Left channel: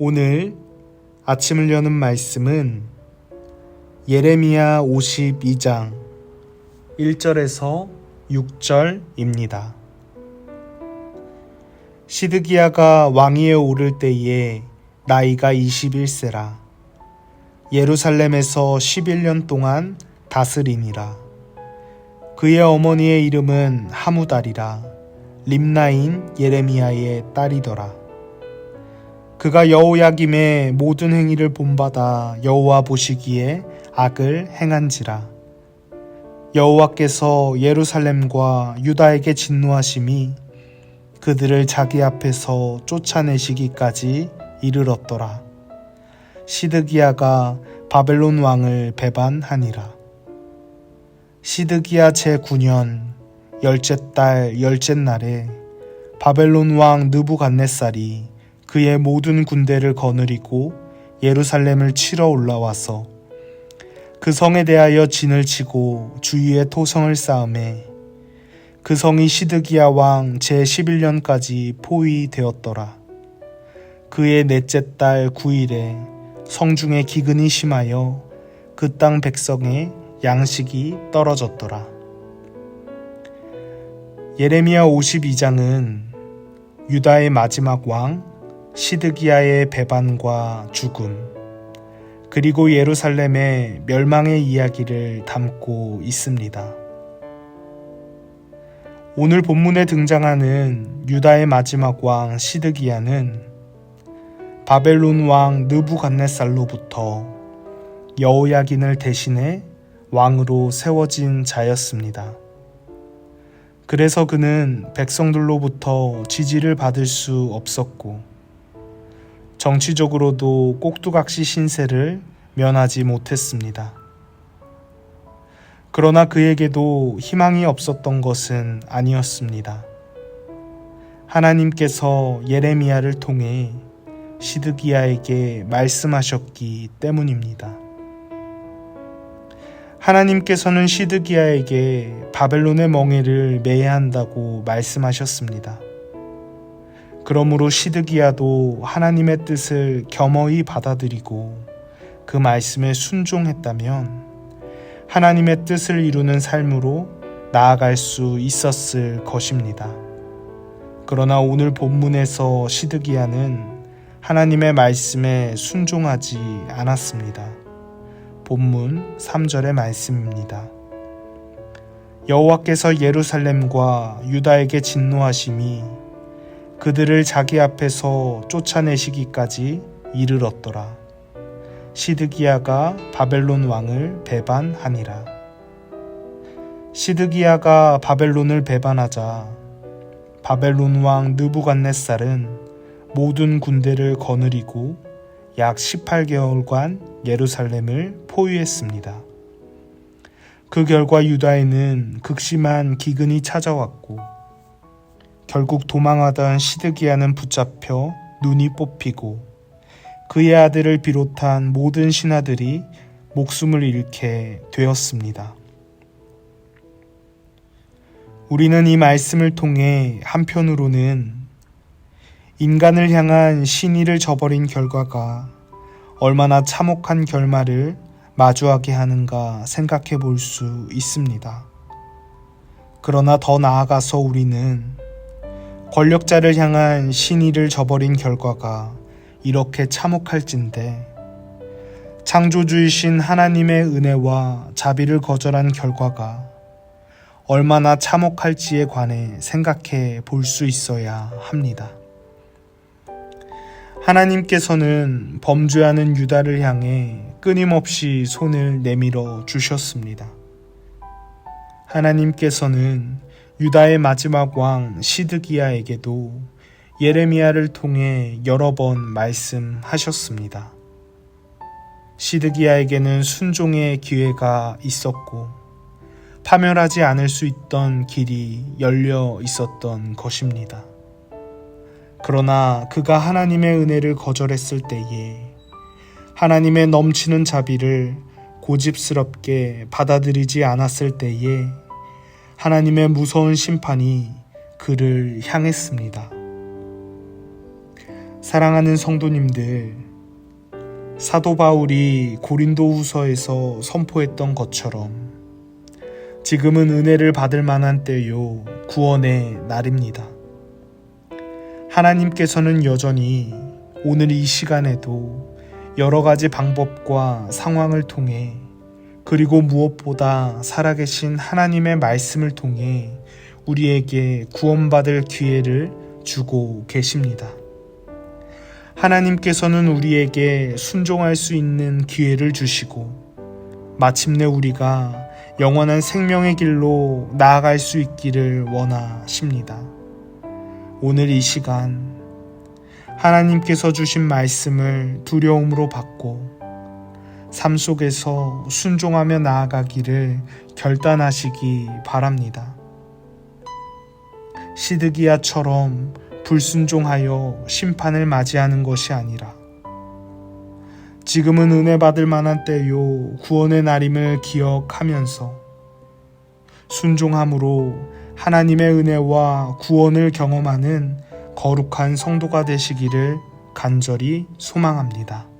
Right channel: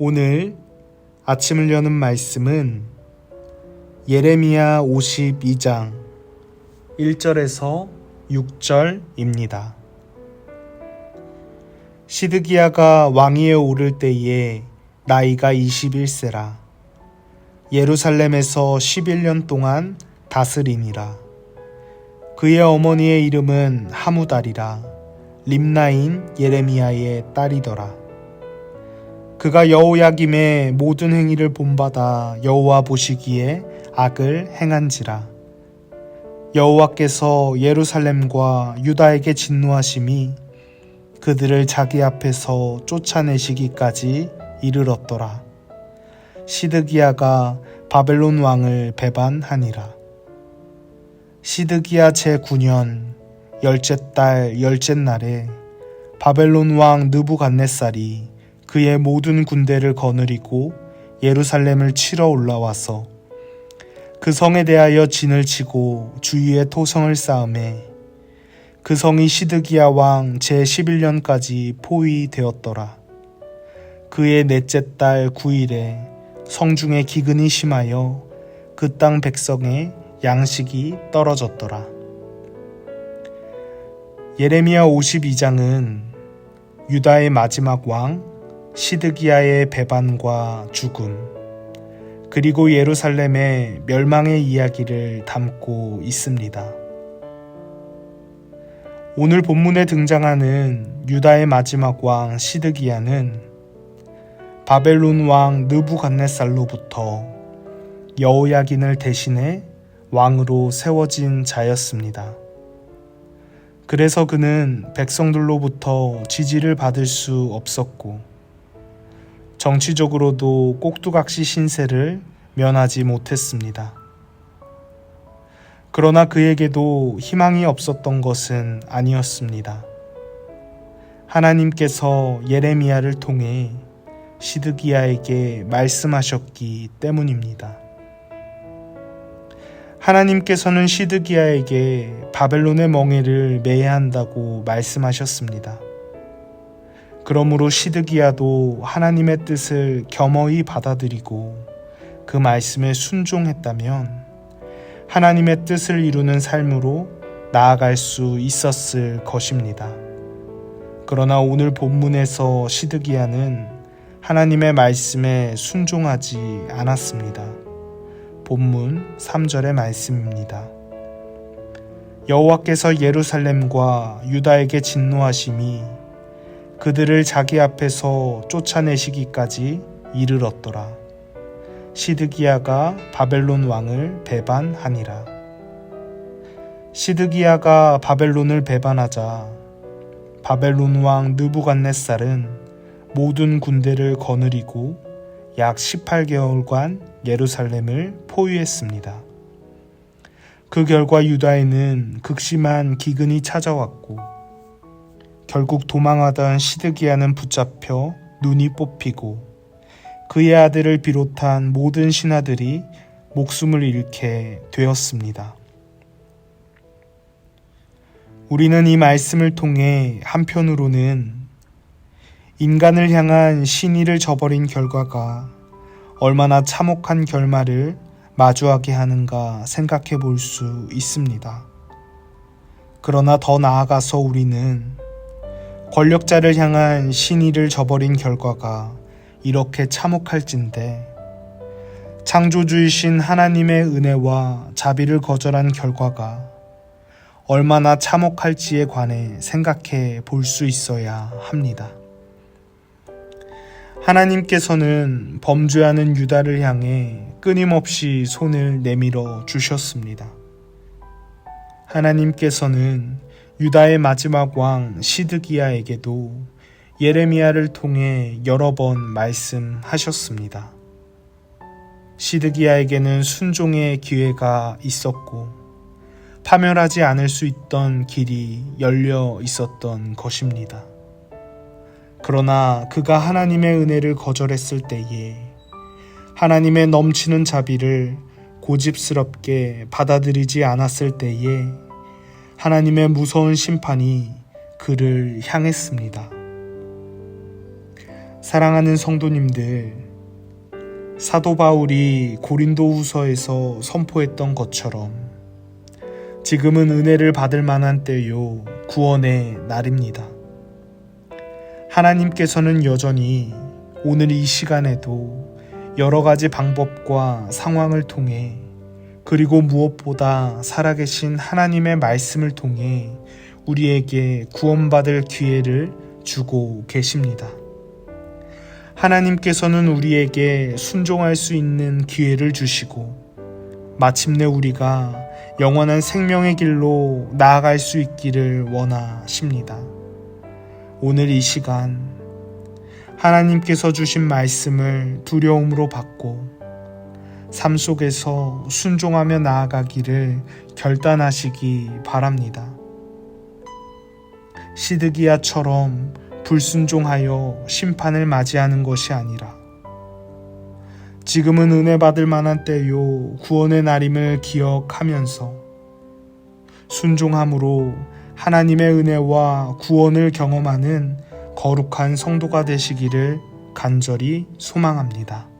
오늘 아침을 여는 말씀은 예레미야 52장 1절에서 6절입니다. 시드기야가 왕위에 오를 때에 나이가 21세라. 예루살렘에서 11년 동안 다스리니라. 그의 어머니의 이름은 하무달이라. 림나인 예레미야의 딸이더라. 그가 여호야김의 모든 행위를 본받아 여호와 보시기에 악을 행한지라. 여호와께서 예루살렘과 유다에게 진노하심이 그들을 자기 앞에서 쫓아내시기까지 이르렀더라. 시드기야가 바벨론 왕을 배반하니라. 시드기야 제9년 열째 달 열째 날에 바벨론 왕 느부갓네살이 그의 모든 군대를 거느리고 예루살렘을 치러 올라와서 그 성에 대하여 진을 치고 주위에 토성을 쌓음에 그 성이 시드기야 왕 제11년까지 포위되었더라. 그의 넷째 달 9일에 성중에 기근이 심하여 그 땅 백성의 양식이 떨어졌더라. 예레미야 52장은 유다의 마지막 왕 시드기야의 배반과 죽음, 그리고 예루살렘의 멸망의 이야기를 담고 있습니다. 오늘 본문에 등장하는 유다의 마지막 왕 시드기야는 바벨론 왕 느부갓네살로부터 여호야긴을 대신해 왕으로 세워진 자였습니다. 그래서 그는 백성들로부터 지지를 받을 수 없었고 정치적으로도 꼭두각시 신세를 면하지 못했습니다. 그러나 그에게도 희망이 없었던 것은 아니었습니다. 하나님께서 예레미야를 통해 시드기야에게 말씀하셨기 때문입니다. 하나님께서는 시드기야에게 바벨론의 멍에를 매야 한다고 말씀하셨습니다. 그러므로 시드기야도 하나님의 뜻을 겸허히 받아들이고 그 말씀에 순종했다면 하나님의 뜻을 이루는 삶으로 나아갈 수 있었을 것입니다. 그러나 오늘 본문에서 시드기야는 하나님의 말씀에 순종하지 않았습니다. 본문 3절의 말씀입니다. 여호와께서 예루살렘과 유다에게 진노하심이 그들을 자기 앞에서 쫓아내시기까지 이르렀더라. 시드기야가 바벨론 왕을 배반하니라. 시드기야가 바벨론을 배반하자 바벨론 왕 느부갓네살은 모든 군대를 거느리고 약 18개월간 예루살렘을 포위했습니다. 그 결과 유다에는 극심한 기근이 찾아왔고 결국 도망하던 시드기야는 붙잡혀 눈이 뽑히고 그의 아들을 비롯한 모든 신하들이 목숨을 잃게 되었습니다. 우리는 이 말씀을 통해 한편으로는 인간을 향한 신의를 저버린 결과가 얼마나 참혹한 결말을 마주하게 하는가 생각해 볼 수 있습니다. 그러나 더 나아가서 우리는 권력자를 향한 신의를 저버린 결과가 이렇게 참혹할진데 창조주이신 하나님의 은혜와 자비를 거절한 결과가 얼마나 참혹할지에 관해 생각해 볼 수 있어야 합니다. 하나님께서는 범죄하는 유다를 향해 끊임없이 손을 내밀어 주셨습니다. 하나님께서는 유다의 마지막 왕 시드기야에게도 예레미야를 통해 여러 번 말씀하셨습니다. 시드기야에게는 순종의 기회가 있었고 파멸하지 않을 수 있던 길이 열려 있었던 것입니다. 그러나 그가 하나님의 은혜를 거절했을 때에 하나님의 넘치는 자비를 고집스럽게 받아들이지 않았을 때에 하나님의 무서운 심판이 그를 향했습니다. 사랑하는 성도님들, 사도 바울이 고린도후서에서 선포했던 것처럼 지금은 은혜를 받을 만한 때요, 구원의 날입니다. 하나님께서는 여전히 오늘 이 시간에도 여러 가지 방법과 상황을 통해, 그리고 무엇보다 살아계신 하나님의 말씀을 통해 우리에게 구원받을 기회를 주고 계십니다. 하나님께서는 우리에게 순종할 수 있는 기회를 주시고 마침내 우리가 영원한 생명의 길로 나아갈 수 있기를 원하십니다. 오늘 이 시간 하나님께서 주신 말씀을 두려움으로 받고 삶 속에서 순종하며 나아가기를 결단하시기 바랍니다. 시드기야처럼 불순종하여 심판을 맞이하는 것이 아니라 지금은 은혜 받을 만한 때요, 구원의 날임을 기억하면서 순종함으로 하나님의 은혜와 구원을 경험하는 거룩한 성도가 되시기를 간절히 소망합니다.